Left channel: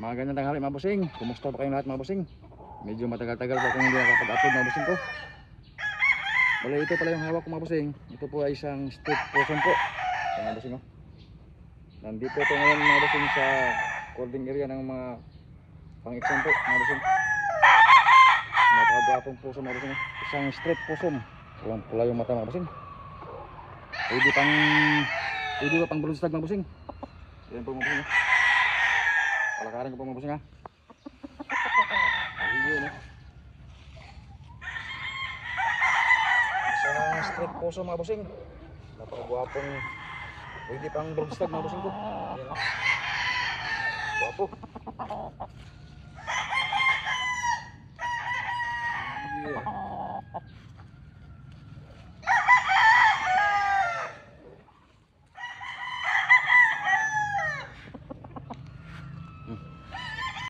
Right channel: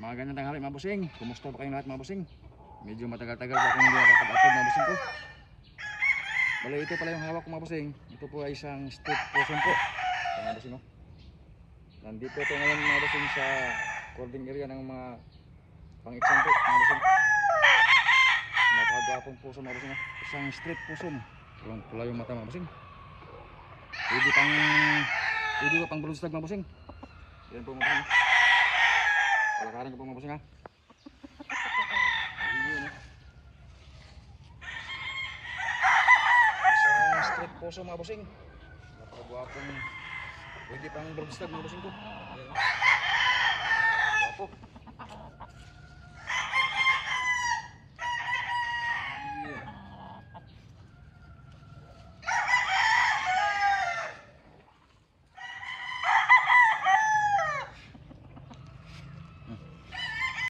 Magandang tanghali mga bossing. Kumusta ba kayong lahat mga bossing? Medyo matagal-tagal po kung hindi nakapag-upload mga bossing ko. Bale, ito pala yung hawak ko mga bossing. Ito po ay isang street possum po. Ito mga bossing, oh. Nandito ito ngayon mga bossing sa holding area ng mga pang-exam po mga bossing. Napakagapong puso mga bossing. Isang street possum. Walang pula yung mata mga bossing. Pwede pa pang balon stag mga bossing. Yan po mga bossing. Palakarin ko po mga bossing, ha. Ayun, eh. Isang street possum mga bossing. Napakagwapong. Pwede pang balon stag mga bossing ko.